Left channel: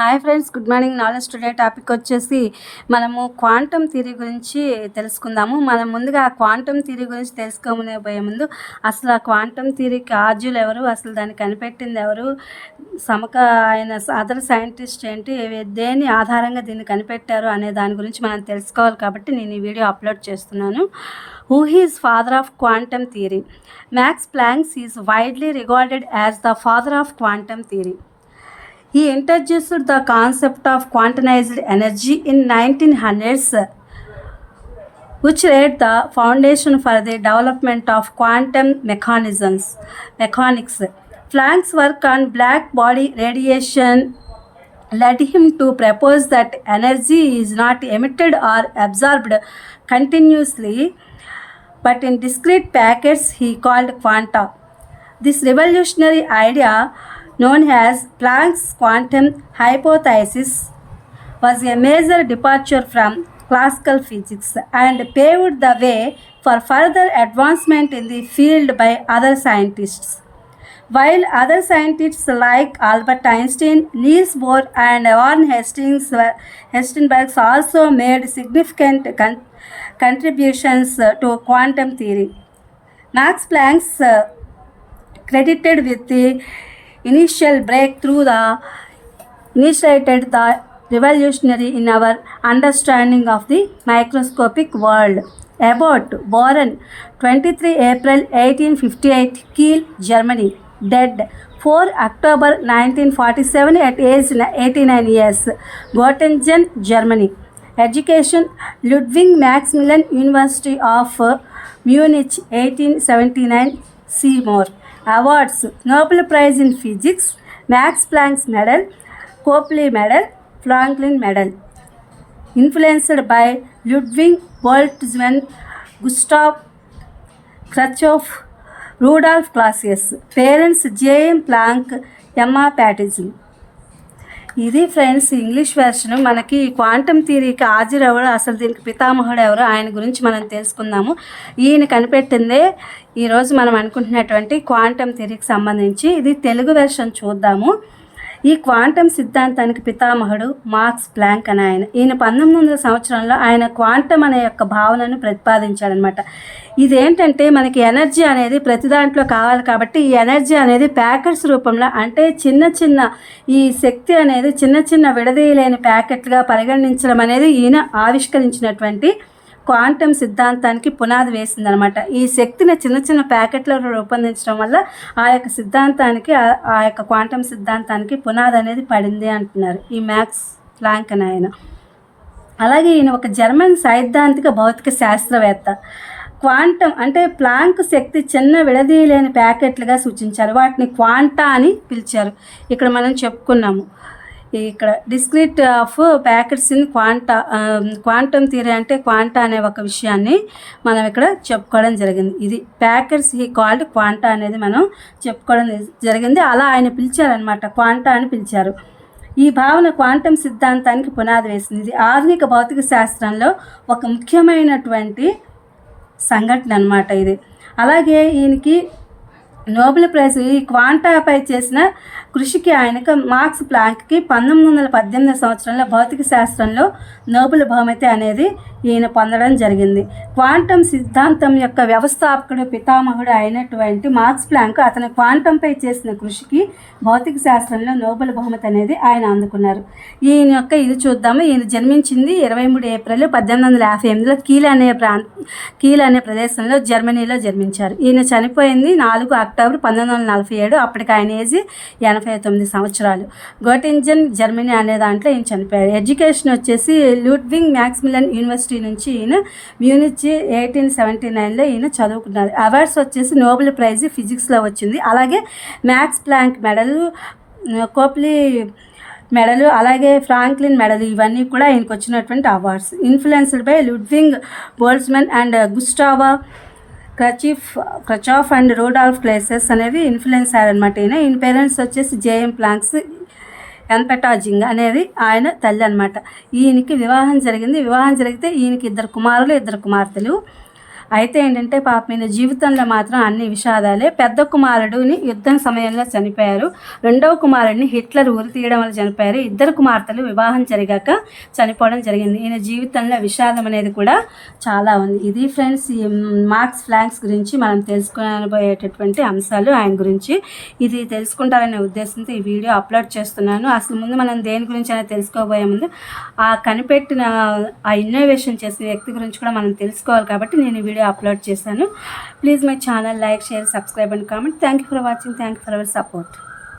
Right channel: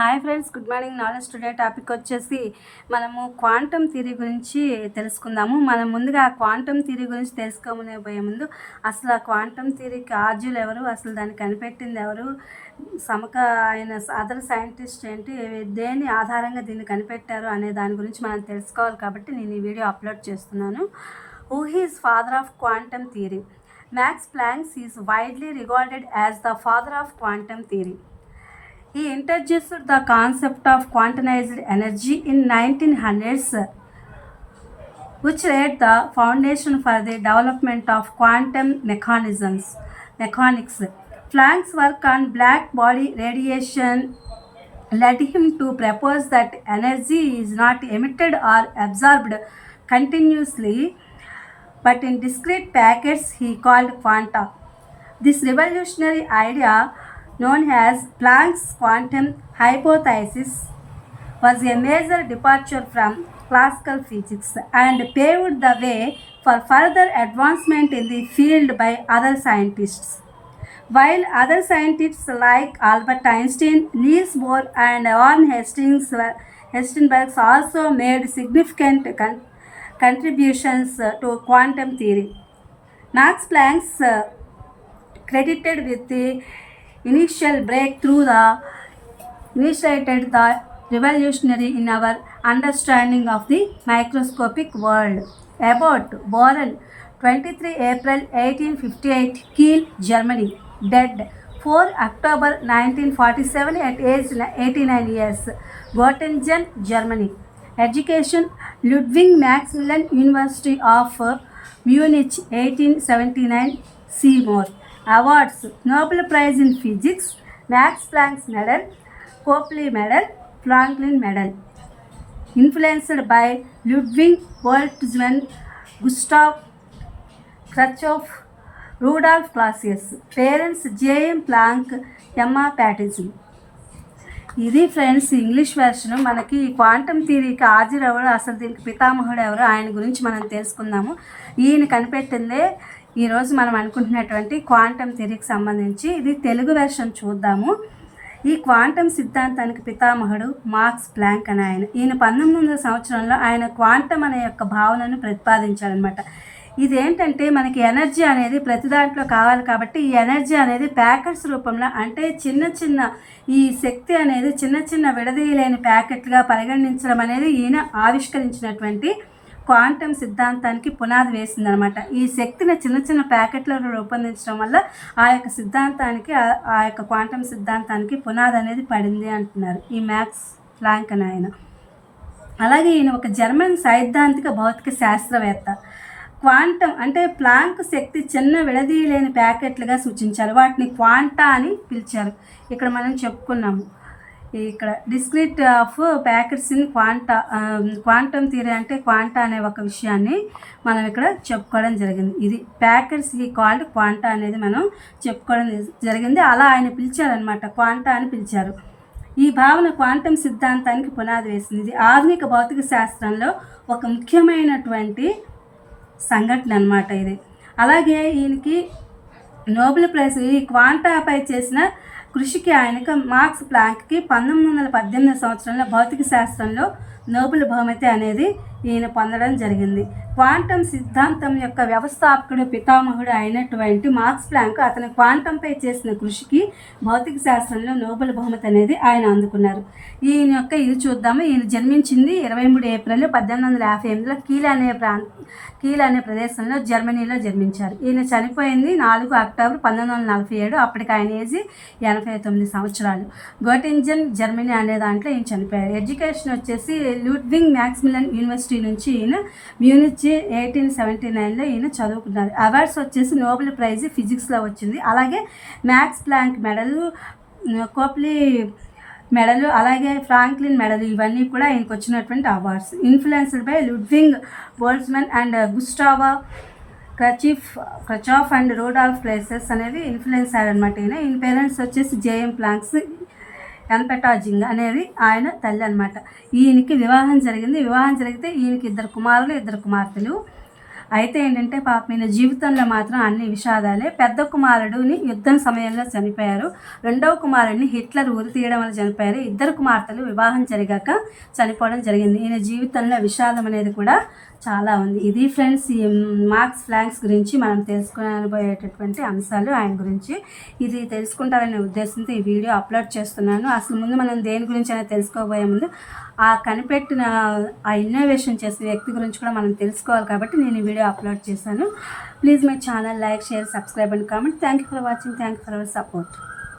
Hi friends, good morning. Knowledge today topic వచ్చేసి మనము quantum theory గురించి తెలుసుకుందాము. మనం ముందుగా క్వాంటమ్ థియరీ గురించి తెలుసుకోబోయే ముందు అసలు ఆ క్వాంటమ్ థియరీకి ఆర్జులు ఎవరు, అసలు దాన్ని కనిపెట్టింది ఎవరు, ఆయన అదర్ సైంటిస్ట్ ఏంటి, దేని ఆధారంగా దీన్ని కనిపెట్టారు అనే దాని గురించి మనం తెలుసుకోవాలి. కాబట్టి నేను ఈ వీడియో అప్లోడ్ చేస్తున్నాను. Who is father of quantum theory? Max Planck is widely regarded as the father of quantum theory. He introduced the concept of quantized energy in 1900s, which laid the foundation for the development of quantum mechanics. Planck's work on black body radiation led him to propose that energy is not emitted or absorbed continuously, but in discrete packets he called quanta. This revolutionary idea, known as Planck's quantum hypothesis, was a major departure from classical physics and paved the way for further advancement in the field by other scientists. While other scientists like Albert Einstein, Niels Bohr, and Warren Hessenberg also made significant contributions to quantum theory, Max Planck credited with the initial breakthrough initiated the revolutionary in our understanding of the microscopic world. About born 23 April 1858, Kiel, Germany, dead 4 October 1947 at age 89 years, Göttingen, Germany. Education, Ludwig Maximilian University of Munich, 1879, Seymour. Awards, Nobel Prize in Physics, Max Planck Medal, Copley Medal, Franklin Medal. Influenced by Ludwig Boltzmann, Gustav Kirchhoff, Rudolf Clausius. Parents, J.M. Planck, Emma Patterson. ఇది friends English version. మనకి quantum థియరీకి హాజరు ఎవరు, అసలు దీనికి పితామహుడు ఎవరు, ఆయన గురించి మనం తెలుసుకుందాము. ఈయన కనిపెట్టిందే ఈరోజు మనం అనుకుంటున్నటువంటి క్వాంటమ్ థియరీకి సంబంధించి. ఇది తెలుగు వెర్షన్ చూద్దాము. ఈ క్వాంటమ్ సిద్ధాంతానికి పితామహుడు మార్క్స్ ప్లాంక్ అని ఈయన 1900 సంవత్సరంలో ఆయన క్వాంటమ్ అనే యొక్క భావనను ప్రతిపాదించాడనమాట. ఇదేంటంటే మనకి ఎనర్జీ అనేది ప్రతి దాంట్లో కావాలి కాబట్టి ఈ ఎనర్జీ అనేది ప్యాకెట్స్ రూపంలో, అంటే ఈ శక్తి అనేది చిన్న విడదీయలేని ప్యాకెట్లుగా పరిగణించడం అనేది ఈయన ఆవిష్కరించినటువంటి క్వాంటమ్ సిద్ధాంతానికి పునాది వేసిందనమాట. ఈ శక్తిని చిన్న ప్యాకెట్లలో రూపొందించడం వల్ల ఆ యొక్క సిద్ధాంతానికి, ఆ యొక్క క్వాంటమ్ సిద్ధాంతానికి పునాది అనేది పడింది అంటున్నారు ఈ మ్యాక్స్ ప్లాంక్ అని ఆయన. అలాగే ఈయన ఒక జర్మన్ సైద్ధాంతిక భౌతిక శాస్త్రవేత్త. క్వాంటమ్ అంటే ప్లాంక్ శక్తి చిన్న విడదీయలేని ప్యాకెట్లుగా సూచించారు. వాటిని క్వాంటా అని పిలిచారు. ఇక్కడ మనం చెప్పుకున్నాము. ఇక్కడ discrete of packets in quantum theory అంటే క్వాంటా అనే ఒక విషయాన్ని మనం ఇక్కడ చెప్పుకోవడం జరిగింది. ఇది ప్యాకెట్స్ హీ కాల్డ్ క్వాంటా అనేది మనం చెప్పుకోవడం జరిగింది. అలా ఆయన పిలిచారనమాట, క్వాంటా అని పిలిచారు. ఈ భావన క్వాంటమ్ సిద్ధాంతానికి పునాది వేసింది. ఇది ఆధునిక భౌతిక శాస్త్రంలో ఒక ముఖ్యమైనటువంటి సంఘటన అనమాట ఇది. అలాగే ఈయనకి నోబెల్ ప్రైజ్ ఈ క్వాంటాపై చేసిన కృషికి ఆయనకు మార్క్స్ ప్లాంక్కి 1918 సంవత్సరంలో భౌతిక శాస్త్రంలో నోబెల్ బహుమతి అనేది ఈయన పొందడం జరిగింది. క్వాంటమ్ సిద్ధాంతం యొక్క వ్యవస్థాపకుడు పితామహుడు అయినటువంటి మార్క్స్ ప్లాంక్ అతను క్వాంటంపై చేసిన కృషికి భౌతిక శాస్త్రంలో నోబెల్ బహుమతి అనేది ఆయన అందుకున్నారు. ఈయన యొక్క ఇది చూద్దాము. ఈయన జన్మించింది 23 ఏప్రిల్ 1858లో కీల్ అనే ప్రదేశంలో జర్మనీలో జన్మించారు. ఈయన చనిపోయింది 4 అక్టోబర్ 1947. అప్పటికి ఆయన ఏజ్ 89 సంవత్సరాలు. గోటింజన్, జర్మనీ అనే దాంట్లో ఈయన చనిపోయాడు. ఎడ్యుకేషన్ వచ్చేసి లూడ్విగ్ మ్యాక్సిమిలియన్ యూనివర్సిటీ నుంచి ఈయన మ్యూనిచ్ 1879లో ఈయన చదువుకున్నారు. అవార్డ్స్ వచ్చేసి నోబెల్ ప్రైజ్ ఫిజిక్స్లో వచ్చింది. అలాగే మ్యాక్స్ ప్లాంక్ మెడల్, కోప్లీ మెడలు, అలాగే ఫ్రాంక్లిన్ మెడల్, ఇవన్నీ కూడా ఆయనకు వచ్చినటువంటి awards. Influenced by Ludwig Boltzmann and Gustav Kirchhoff and Rudolf Clausius అనేది ఇన్ఫ్లుయెన్స్ అయ్యారనమాట. ఈయన పేరెంట్స్ వచ్చేసి జేఎం ప్లాంక్స్, ఎన్పెటాజింగ్ అనేది ఆయన తల్లి అనమాట. ఈయనకి వివాహం జరిగింది. వివాహం జరిగితే ఈయనకి 2 కుమారులు 2 కుమార్తెలు. అయితే ఏంటంటే పాపం ఈయన జీవితంలో మాత్రం అన్ని విషాదాలే. పెద్ద కుమారుడుని యుద్ధం సమయంలో చనిపోయారు. రెండవ కుమారుడిని హిట్లర్ ఉరి తీయడం వల్ల చనిపోయారు. ఇద్దరు కుమార్తెలు వివాహం జరిగాక చనిపోవడం జరిగింది. ఈయన జీవితంలో విషాదం అనేది కూడా చాలా ఉంది. ఇది ఫ్రెండ్స్ ఈ మార్క్స్ ప్లాంక్స్ గురించి మనం తెలుసుకోబోయేటటువంటి అంశాలు ఆయన గురించి. ఇది తెలుసుకుంటారనే ఉద్దేశంతో ఈ వీడియో అప్లోడ్ చేస్తున్నాను. అసలు ముందు మనం దేని గురించి అనేది తెలుసుకోబోయే ముందు ఆ కనిపెట్టిన ఆ ఇన్నోవేషన్ చేసిన వ్యక్తి గురించి కూడా మనం తెలుసుకోవాలి కాబట్టి నేను ఈ వీడియో అప్లోడ్ చేశాను. Please my channel like, share, subscribe and comment. Thank you for watching. Thank you for our support.